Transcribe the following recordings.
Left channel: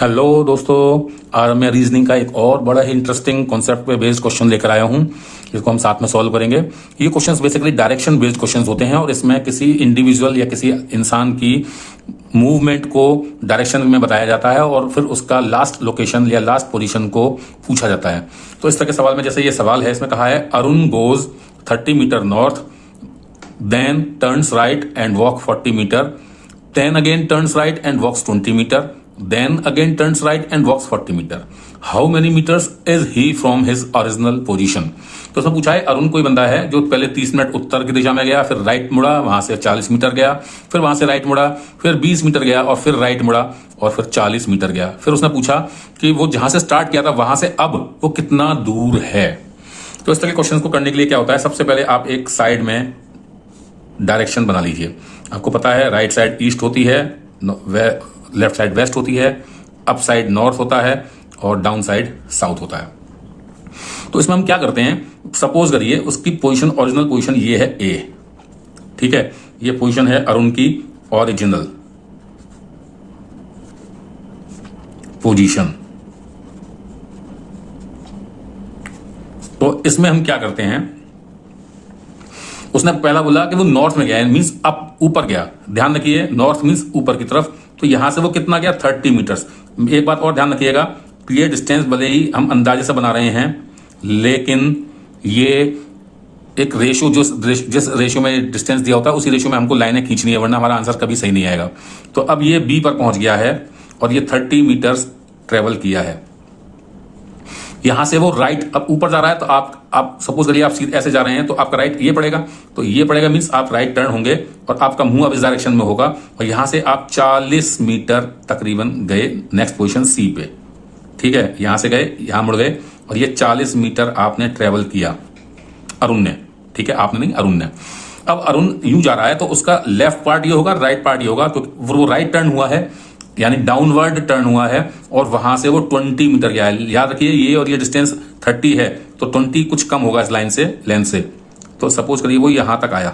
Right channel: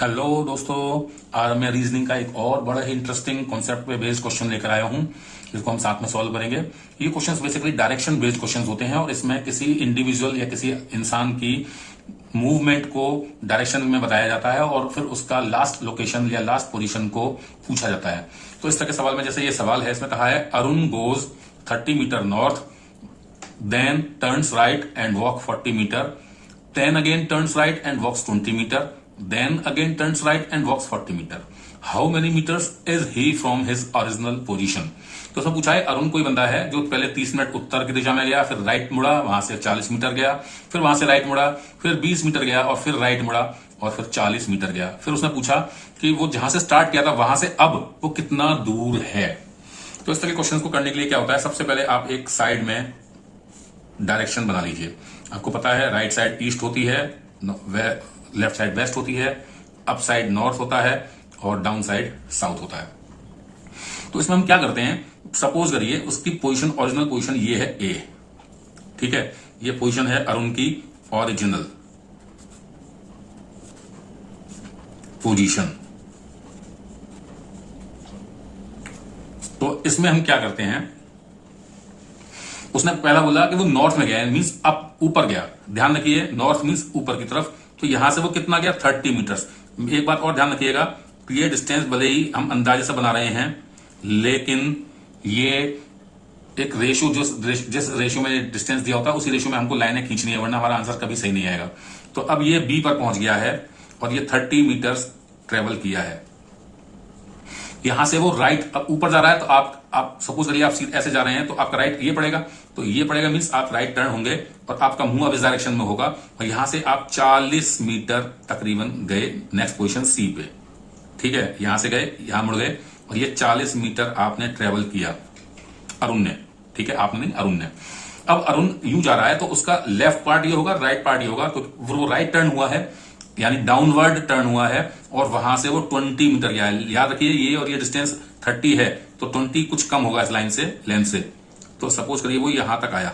Hello दोस्तों, आज मैं रीजनिंग का एक और बड़ा ही इंटरेस्टिंग कॉन्सेप्ट पे बेस्ड क्वेश्चन लेकर आया हूं, जिसको हम साथ में सॉल्व करेंगे। ये questions basically direction based questions होते हैं और इसमें किसी इंडिविजुअल या किसी इंसान की मूवमेंट को डायरेक्शन में बताया जाता है और फिर उसका लास्ट लोकेशन या लास्ट पोजीशन को पूछा जाता है। तो इस तरह के सवाल में जैसे ये सवाल है, इसमें कहा है Arun goes 30 meter north, then turns right and walk 40 meter, then again turns right and walks 20 meter, then again turns right and walks 40 meter. How many meters is he from his original position? तो उसमें पूछा है अरुण कोई बंदा है जो पहले 30 minute उत्तर की दिशा में गया, फिर राइट मुड़ा, वहां से 40 मीटर गया, फिर वहां से राइट मुड़ा, फिर 20 मीटर गया और फिर राइट मुड़ा और फिर 40 मीटर गया। फिर उसने पूछा कि वो जहां से स्टार्ट किया था वहां से अब वो कितना दूर है। तो इस तरह के क्वेश्चन को करने के लिए क्या होता है, सबसे पहले आप एक साइड में डायरेक्शन बना लीजिए। आपको पता है राइट साइड ईस्ट होती है, लेफ्ट साइड वेस्ट होती है, अप साइड नॉर्थ होता है और डाउन साइड साउथ होता है। तो इसमें हम क्या करते हैं, सपोज करिए उसकी पोजीशन, ओरिजिनल पोजीशन ये है ए, ठीक है, ये पोजीशन है अरुण की ओरिजिनल पोजीशन। तो इसमें हम क्या करते हैं, उसने पहला बोला कि वो नॉर्थ में गया, मींस अप, ऊपर गया। ध्यान रखिए नॉर्थ मींस ऊपर की तरफ, तो यहां से वो कितना गया 30 मीटर्स। एक बात और ध्यान रखिएगा, ये डिस्टेंस भले ही हम अंदाजे से बना रहे हैं, लेकिन ये एक रेशियो, जिस रेशियो में डिस्टेंस दिया होता है उसी रेशियो में हमको लाइनें खींचनी है, वरना हमारा आंसर कभी सही नहीं आएगा। तो अब ये बी पर पहुंच गया है और ये 30 मीटर्स ट्रेवल किया है। यहां से वो राइट अब ऊपर जा रहा है, तो आप सपोज करिए आप सीधे ऐसे जा रहे हैं, तो आपका राइट ये पड़ेगा, तो ये पड़ेगा मींस आप राइट टर्न होंगे और आपका मुंह अब इस डायरेक्शन में होगा और यहां से आप 40 मीटर तकरीबन गए नेक्स्ट पोजीशन सी पे, ठीक है। यहां से गए, यहां मुड़ गए और ये 40 मीटर आपने ट्रेवल किया अरुण ने, ठीक है, आपने नहीं, अरुण ने। अब अरुण यूं जा रहा है तो उसका लेफ्ट पार्ट ये होगा, राइट पार्ट ये होगा, तो वो राइट टर्न हुआ है, यानी डाउनवर्ड टर्न हुआ है और वहां से वो 20 मीटर गया है। याद रखिए ये और ये डिस्टेंस 30 है, तो 20 कुछ कम होगा इस लाइन से, लेंथ से। तो सपोज करिए वो यहां तक आया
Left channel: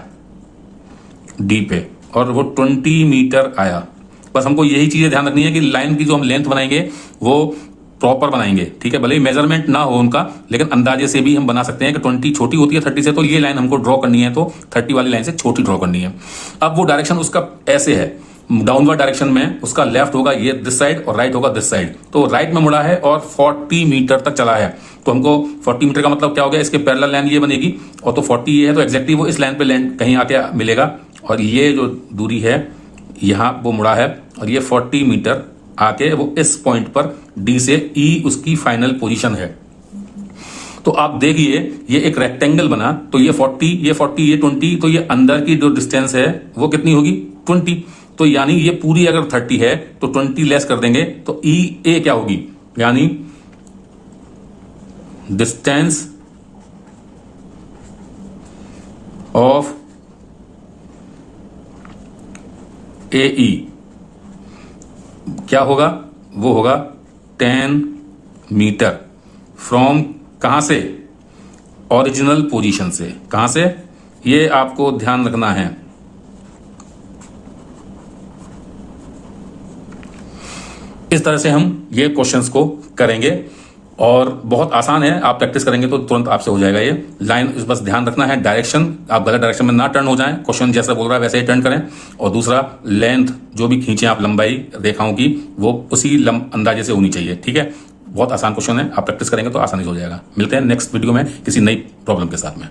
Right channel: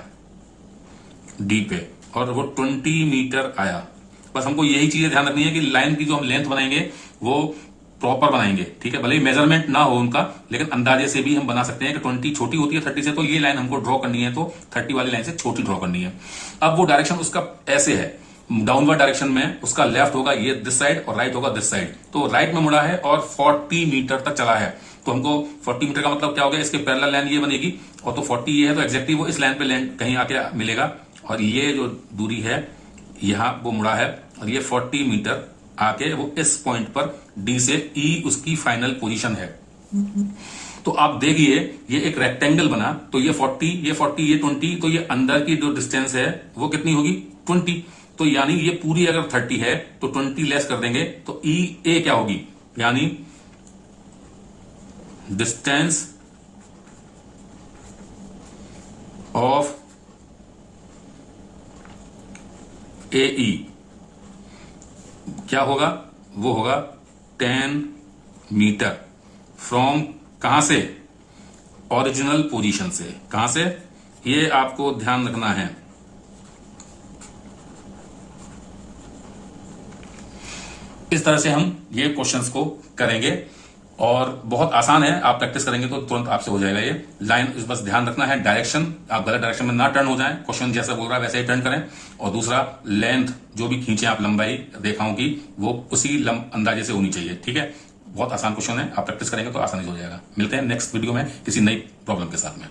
डी पे और वो 20 मीटर आया। बस हमको यही चीजें ध्यान रखनी है कि लाइन की जो हम लेंथ बनाएंगे वो प्रॉपर बनाएंगे, ठीक है। भले ही मेजरमेंट ना हो उनका, लेकिन अंदाजे से भी हम बना सकते हैं कि 20 छोटी होती है 30 से, तो ये लाइन हमको ड्रॉ करनी है, तो 30 वाली लाइन से छोटी ड्रॉ करनी है। अब वो डायरेक्शन उसका ऐसे है, डाउनवर्ड डायरेक्शन में उसका लेफ्ट होगा ये दिस साइड और राइट होगा दिस साइड। तो राइट में मुड़ा है और 40 मीटर तक चला है, तो हमको 40 मीटर का मतलब क्या हो गया, इसके पैरेलल लाइन ये बनेगी और तो 40 ये है, तो एग्जैक्टली वो इस लाइन पे लैंड कहीं आके मिलेगा और ये जो दूरी है यहां वो मुड़ा है और ये 40 मीटर आके वो इस पॉइंट पर डी से ई उसकी फाइनल पोजीशन है। तो आप देखिए ये एक रेक्टेंगल बना, तो ये 40, ये 40, ये 20, तो ये अंदर की जो डिस्टेंस है वो कितनी होगी 20। तो यानी ये पूरी अगर 30 है तो 20 लेस कर देंगे तो ई ए क्या होगी, यानी डिस्टेंस ऑफ ए ई क्या होगा, वो होगा 10 मीटर फ्रॉम, कहां से, ओरिजिनल पोजीशन से। कहां से, ये आपको ध्यान रखना है। इस तरह से हम ये क्वेश्चंस को करेंगे और बहुत आसान है, आप प्रैक्टिस करेंगे तो तुरंत आपसे हो जाएगा। ये लाइन बस ध्यान रखना है, डायरेक्शन, आप गलत डायरेक्शन में ना टर्न हो जाएं, क्वेश्चन जैसा बोल रहा है वैसे ही टर्न करें। और दूसरा, लेंथ जो भी खींचे आप, लंबाई रेखाओं की, वो उसी अंदाजे से होनी चाहिए, ठीक है। बहुत आसान क्वेश्चन है, आप प्रैक्टिस करेंगे तो आसानी से हो जाएगा। मिलते हैं नेक्स्ट वीडियो में किसी नई प्रॉब्लम के साथ में।